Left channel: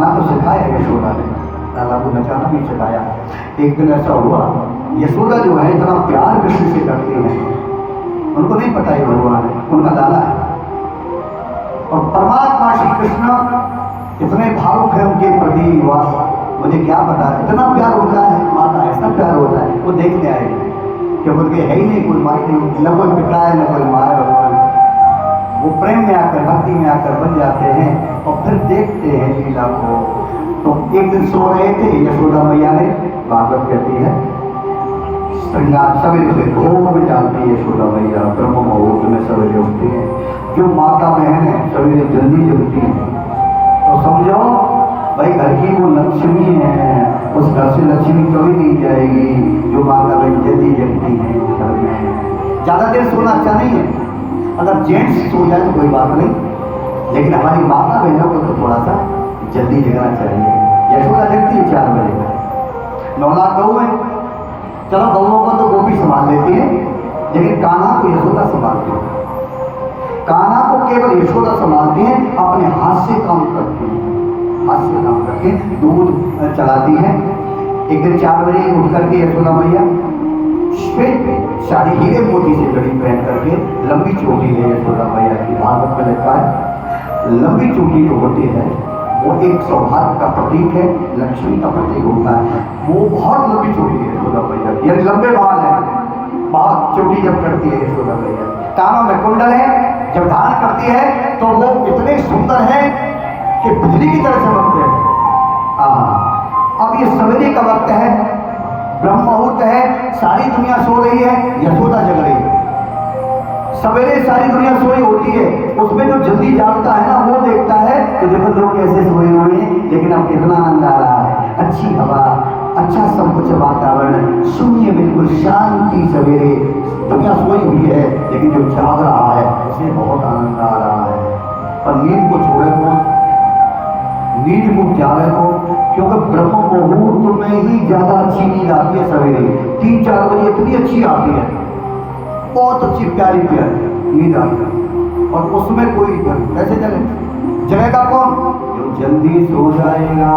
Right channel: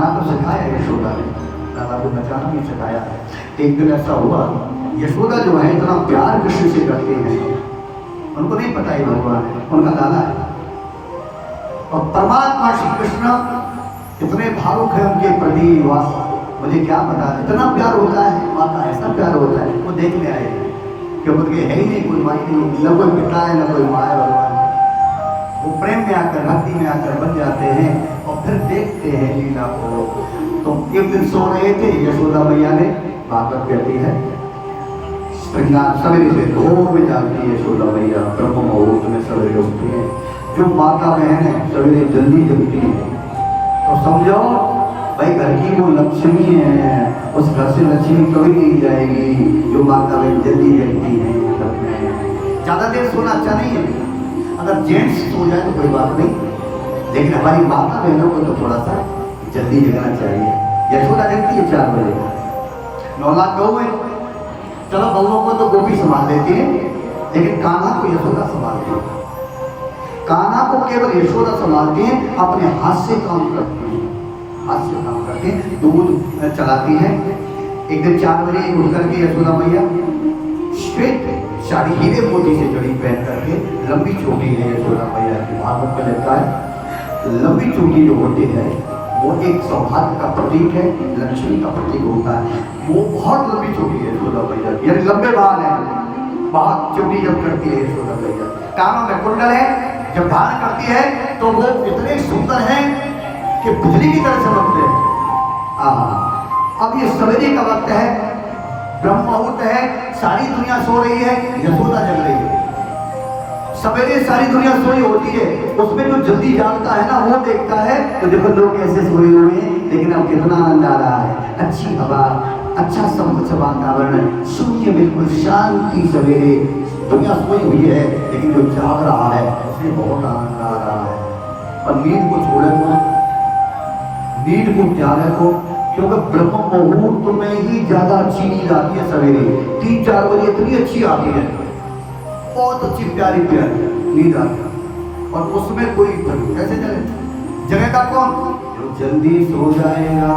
नचाना तो सिखाया यशोदा ने, लाला को नचाना भी सिखाया। एक दिन ऐसा हुआ, यशोदा जो है इतना प्यार कृष्ण से करती हैं, उनको नहीं पता ही भगवान है, उनका लाला है। और परमात्मा श्री कृष्ण इतने भावुक है उनके प्रति, वाह मुझे क्या पता, इतना प्यार होता है माँ का, ऐसा प्यार होता है। वो देखने आए कि उनके है ही नहीं कोई माँ नहीं, न कोई पिता है न कोई माँ है भगवान। वो प्रेम में आकर भक्ति में आकर बन जाते हैं और फिर देखते हैं लीला को। तो एक दिन सो रहे थे, यशोदा मैया ने, भागवत कहती है श्रृंगार सवेरे से भोर में जाती है यशोदा मैया, ब्रह्म मुहूर्त में सवेरे उठती है। जो माता बहन है सवेरे जल्दी जगती है, तो समझो भाई घर की वो लक्ष्मी है, उस घर से लक्ष्मी कभी नहीं जाएगी जो माता बहन जल्दी जगती है घर में। ज़्यादा देर सोना अच्छा नहीं है, अगर जेंट्स सो जाए तो कोई बात नहीं, लेकिन हमारी माता बहनों को तो थोड़ा सा जल्दी जगना चाहिए। यशोदा जगती है 4 बजे, 9 लाख गऊ है, चलो गऊओं को तो गोपी संभाल लेती है, लेकिन कान्हा को यशोदा संभालती है। कान्हा को केवल यशोदा संभालती है, अपने हाथ से काम करती है, हाथ से काम करके दूध चलाती है। एक दिन 4 बजे उठ करके यशोदा मैया श्वेत साड़ी हीरे मोती से जड़ी पहन करके, लंबी चोटी है यशोदा मैया की, भागवत में लिखा है लंबी चोटी जो होती है वो एक सौभाग्य का प्रतीक है, लक्ष्मी का प्रतीक होता है। वो बहुत लंबी चोटी है यशोदा मैया की, यानी लंबे बाल है, बहुत चोटी जब करती है यशोदा मैया। कानों में कुंडल है, जब धारण करती है तो वो इतने सुंदर हैं कि बिजली की तरह चमकते हैं। अब ये सवेरे का वक्त है, ब्रह्म मुहूर्त है, सारी दुनिया सो रही है, यशोदा जग रही है। सवेरे सारी दुनिया सोई होती है, उसमें जो जल्दी जागता है ना वो देखता है तो देखो लोग कैसे सोए हुए हैं, लेकिन अब कितना आनंद आ रहा है, अच्छी हवा, अच्छा सब कुछ वातावरण, शून्य बिल्कुल शांति, सवेरे दुनिया सोई हुई है लेकिन जो जाग रहा है उसमें बहुत आनंद आ रहा है। पर नींद को छोड़े तो, नींद को त्यागे को, क्योंकि ब्रह्म मुहूर्त में ही ज्यादा अच्छी नींद आती है। सवेरे 3-4 बजे इतनी अच्छी आती है, बहुत अच्छी प्यारी प्यारी नींद आती है, और उसमें कोई कैसे जगेगा कौन, जो जल्दी सो जाएगा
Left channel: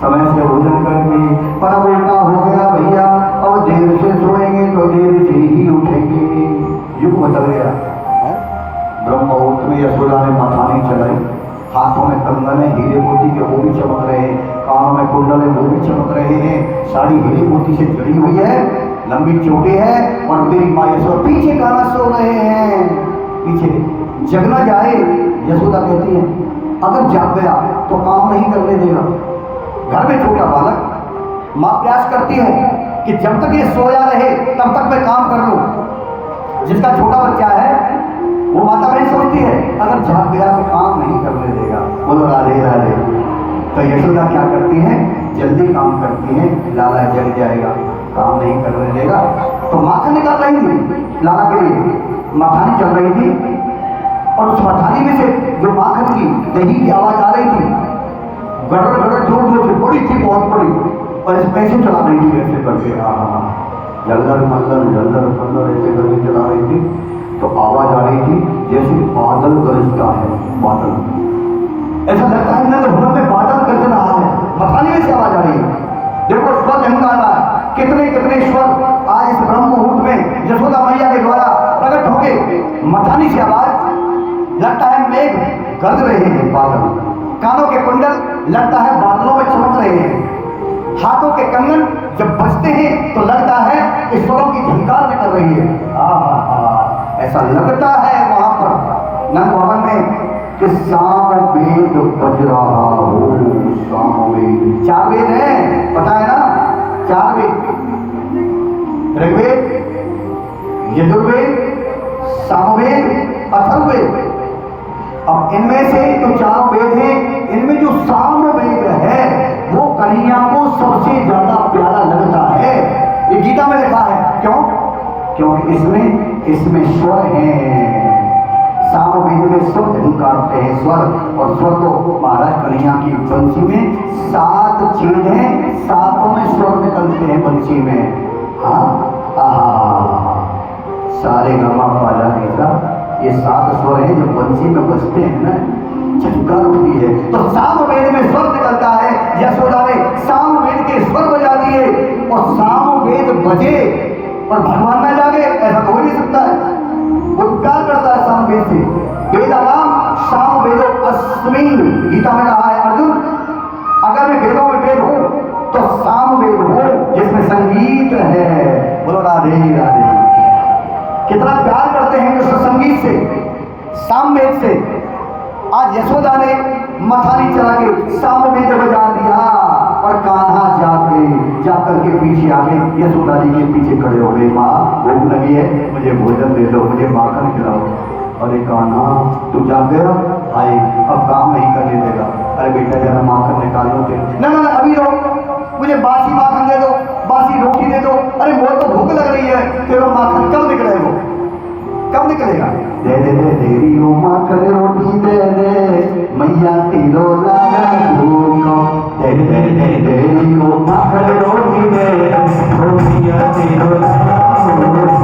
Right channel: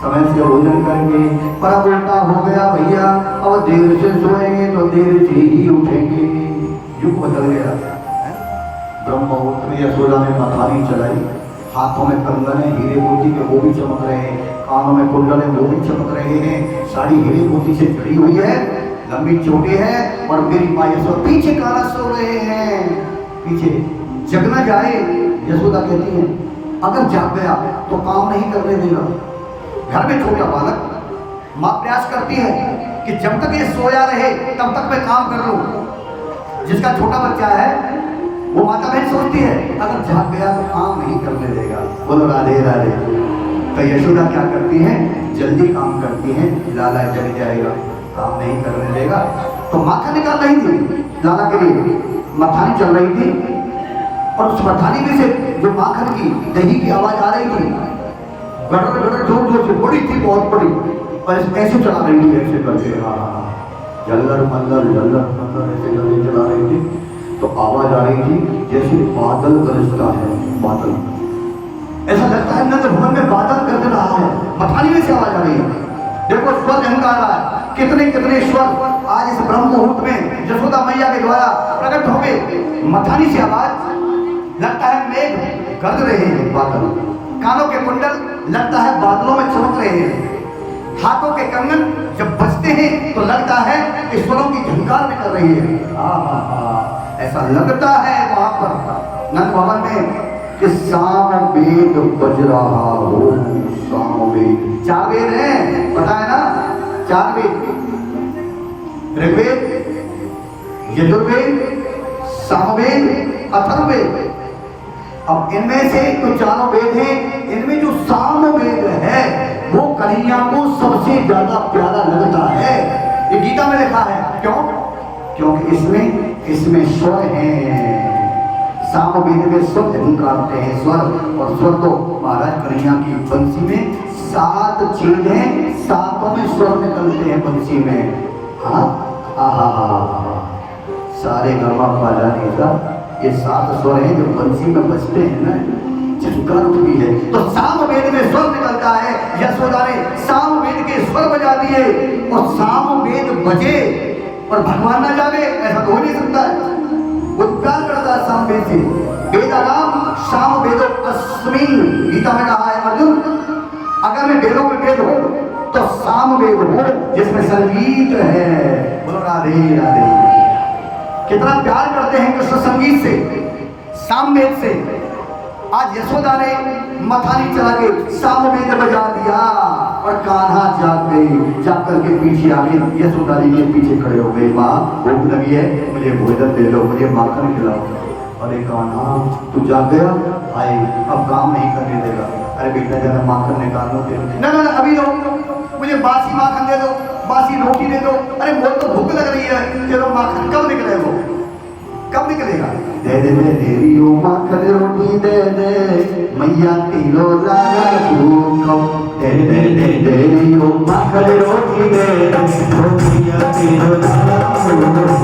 समय से भोजन करके। पर अब उल्टा हो गया भैया, अब देर से सोएंगे तो देर से ही उठेंगे, युग बदल गया। ब्रह्म मुहूर्त में यशोदा ने मथानी चलाई, हाथों में कंगन है हीरे मोती के, वो भी चमक रहे हैं, कानों में कुंडल है वो भी चमक रहे हैं, साड़ी हीरे मोती से जड़ी हुई है, लंबी चोटी है, और मेरी माँ यशोदा पीछे कान्हा सो रहे हैं, पीछे जग न जाए। यशोदा कहती है अगर जाग गया तो काम नहीं करने देगा। घर में छोटा बालक, माँ प्रयास करती है कि जब तक ये सोया रहे तब तक मैं काम कर लूं। जिसका छोटा बच्चा है वो माता बहन सोचती है अगर जाग गया तो काम नहीं करने देगा, बोलो राधे राधे। तो यशोदा क्या करती है, जल्दी काम करती है, लाला जग जाएगा, काम नहीं करने देगा। तो माखन निकाल रही थी लाला के लिए, मथानी चल रही थी, और उस मथानी में से जो माखन की दही की आवाज आ रही थी, गड़र गड़र जोर जोर से, बड़ी थी बहुत बड़ी, और इस कैसे चला रही थी ऐसे करके, जल्लर मल्लर ऐसे करके चला रही थी। तो आवाज आ रही थी जैसे बादल गरजता है, बादल, ऐसा लगता है नंद भवन में बादल गरज रहा है, मथानी में से आवाज आ रही है। देखो स्वर निकल रहा है, कितने कितने स्वर आज इस ब्रह्म मुहूर्त में यशोदा मैया के द्वारा प्रकट हो गए। मथानी से आवाज, लगता है मेघ गरज रहे हैं बादल, कानों के कुंडल लगता है बादलों में चमक रहे हैं, हाथों के कंगन जब बजते हैं तो लगता है ईश्वरों की झंकार निकल रही है। ऐसा लगता है वहां पर नंद भवन में कि साम वेद बज रहा हो, साम वेद, 4 वेद है, पता है ना, 4 वेद, ऋग्वेद, यजुर्वेद, सामवेद, अथर्ववेद। अब इनमें से तो 4 वेद हैं, इनमें जो सामवेद है वो कन्हैया को सबसे ज्यादा प्यारा लगता है, ये गीता में लिखा है। क्यों? क्योंकि इसमें स्वर है, सामवेद में स्वर झंकारते हैं, स्वर, और स्वर तो महाराज कन्हैया की बंसी में 7 छेद हैं, 7 में स्वर निकलते हैं बंसी में। सारे गमा पाला नहीं, ये 7 स्वर हैं जो बंसी में बजते हैं ना, झंकार भी है। तो सामवेद बचे और भगवान ना जागे, ऐसा तो हो नहीं सकता है। वो प्यार करता है साम वेद से। वेद नाम साम वेदो अस्मि, गीता में कहा है अर्जुन, अगर मैं वेदों में वेद हूं तो साम वेद हो जिसमें संगीत है। बोलो राधे राधे। कितना प्यार करते हैं कृष्ण संगीत से, साम वेद से। आज यशोदा ने मथानी चला के साम वेद बजा दिया और कान्हा जाकर के पीछे आ गए, यशोदा जी के पीछे खड़े हो गए। माँ भूख लगी है, मुझे भोजन दे दो, मुझे माखन खिलाओ। अरे कान्हा तू जाग गया, आए अब काम नहीं करने देगा। अरे बेटा जरा माखन निकाल लो फिर। ना ना अभी लो, मुझे बासी माखन दे दो, बासी रोटी दे दो। अरे मोर तो भूख लग रही है, तेरा माखन कब निकले, वो कब निकलेगा? दे दे दे देवी ओ माखन रोटी दे दे, मैया किलो लाला भूखो। दे दे दे देवी ओ माखन रोटी दे दे, मैया किलो लाला भूखो।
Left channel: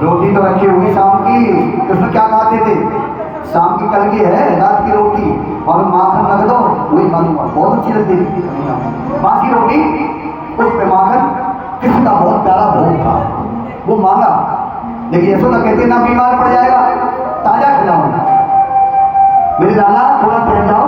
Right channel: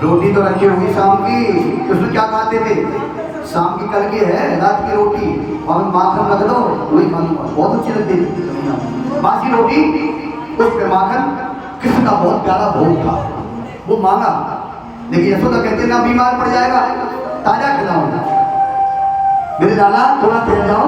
रोटी तो रखी होगी शाम की, उसमें क्या खाते थे? शाम की कल की है, रात की रोटी और माखन रख दो, वही खा लूंगा, बहुत अच्छी लगती थी बासी रोटी। उस पे माखन कृष्ण का बहुत प्यारा भोग था, वो मांगा, लेकिन यशोदा कहते ना बीमार पड़ जाएगा, ताजा खिलाओ। मेरे लाला थोड़ा ठहर जाओ,